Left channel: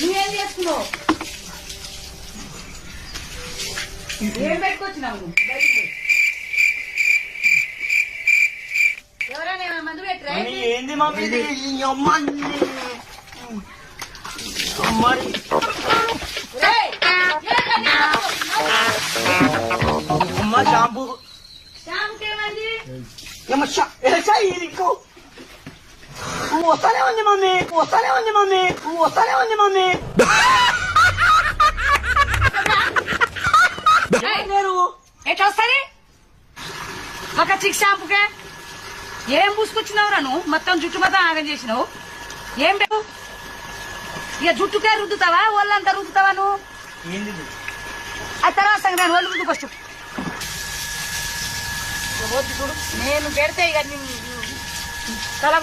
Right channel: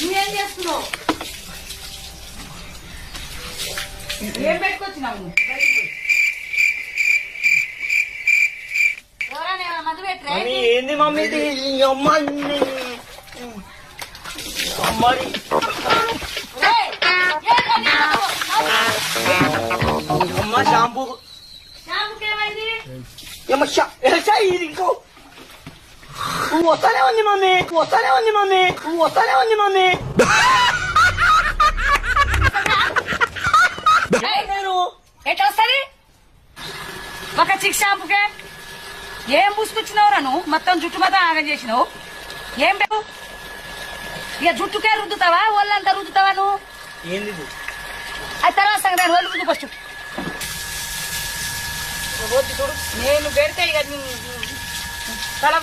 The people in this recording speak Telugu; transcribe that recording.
నువ్వేం చేసుకున్నావు? ఏం పెట్టుకొచ్చినావు? ఎవరైనా మందు పెట్టరా? ఏంది మమ్మీ ఇది? అమ్మని అమ్మని అమ్మ షాంపూ ఏమైంది? ఇంకో వస్తానే ఉంది మమ్మీ, వస్తానే ఉంది మమ్మీ, వస్తానే ఉంది మమ్మీ. నేను ఎట్లా వస్తుంది ఒక చిక్ షాంపుకే? ఏం పూసుకొచ్చినావురా నువ్వు? మొత్తం జుట్టు మొత్తం ఆగం చేసినావు. ఏం పెట్టు ఇక జుట్టుకే రుద్దుతావా ఒళ్ళంతా రుద్దుతావా నువ్వు? ఏంది అది తర్వాత సంగతి ఒళ్ళు రుద్దు ఫస్ట్. నేను పెడితే ఇక తల